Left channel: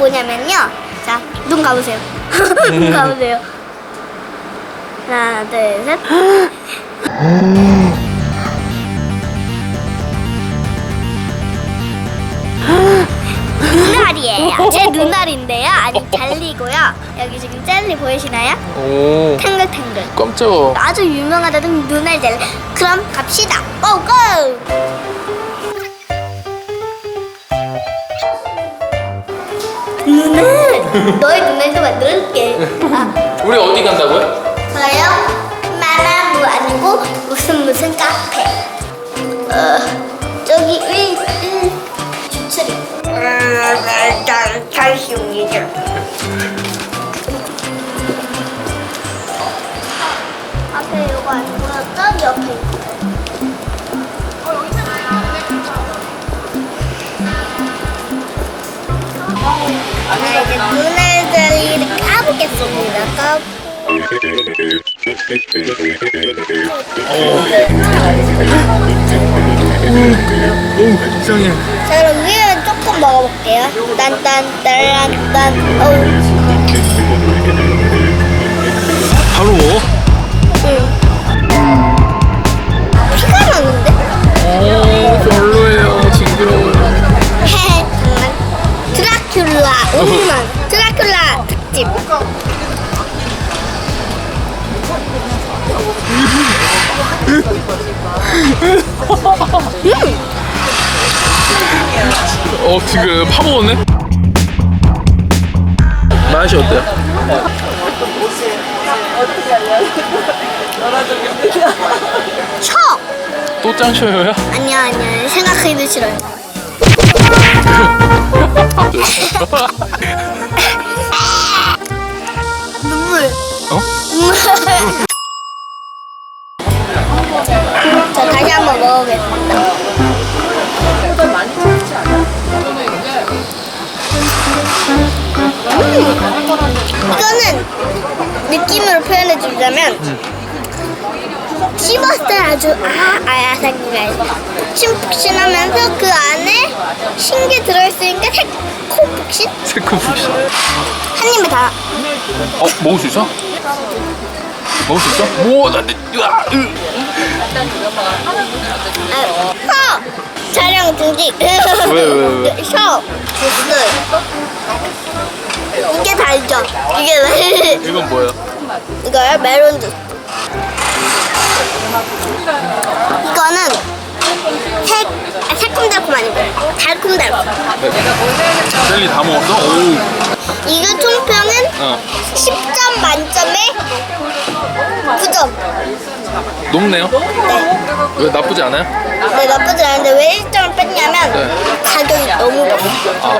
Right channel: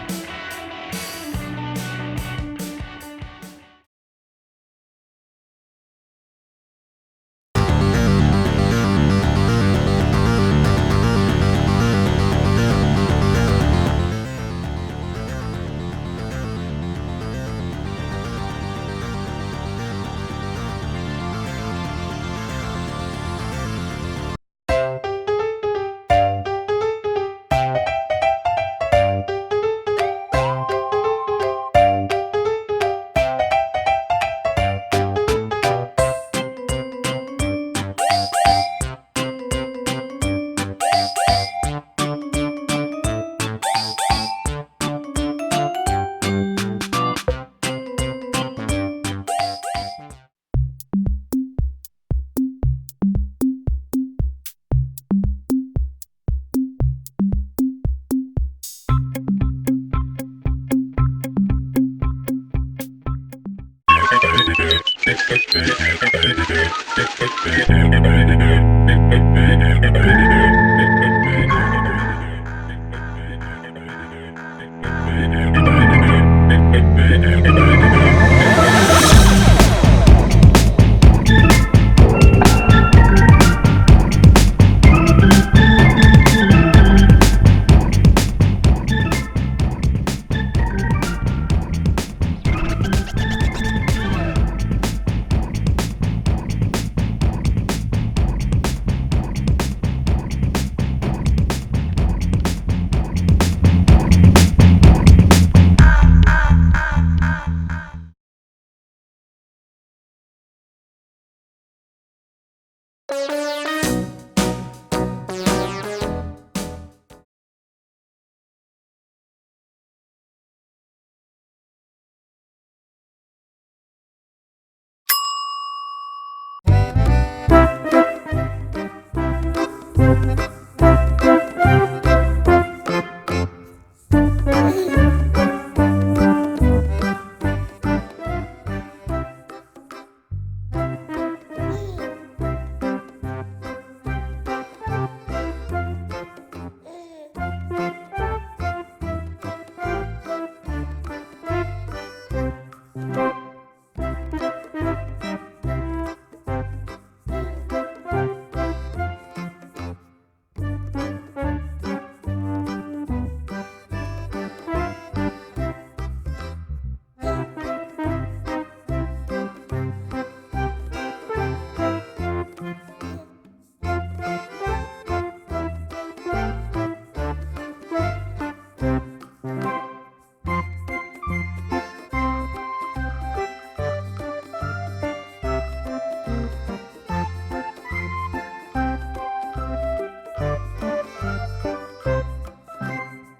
보시면요. 자, 눈 감으세요. 눈 감으세요. 하나, 둘, 셋. 눈알이에요. 제 눈알인데요. 아직 달리고요. 여기 지금 젤리 보이시나요? 오 탱글탱글. 깜짝아 아주 유명하다는 눈알 젤리. 그럼 갑시다. 너의 눈알도 만들어줄게. 아, 우리 어디 간다고요? 그럼 위에 조금 먹어볼게요. 딴딴따란딴. 어우, 맛이 어때요? 쳐! 또 짱쳐요야? 아니야, 아니야. 생각하기도 싫어요. 느낌으로 표현해 주자면 씹었을 때 아주 아 아야삭이가 푹신푹신하면서 그 안에 신게 들어있으니까 새콤푹신 새콤푹신 한 입에 다 어 먹을 수 있어? 먹을 수 있어? 오나 으아 으. 아, 혀! 촬영 중지 왜, 왜, 왜? 혀! 주스 이게 이게 이건 뭐야? 이거요 메론 주스 이거는 새, 아, 새콤달콤 아니고 달콤달콤 젤리 다 먹었어? 오 이거 총평은 어. 10점 만점에 9점 녹네요? 네. 왜 나쁘지 않아요? 네, 나쁘지 않은데 왜 1점을 뺐냐면 네. 가격이 너무 비싸. 아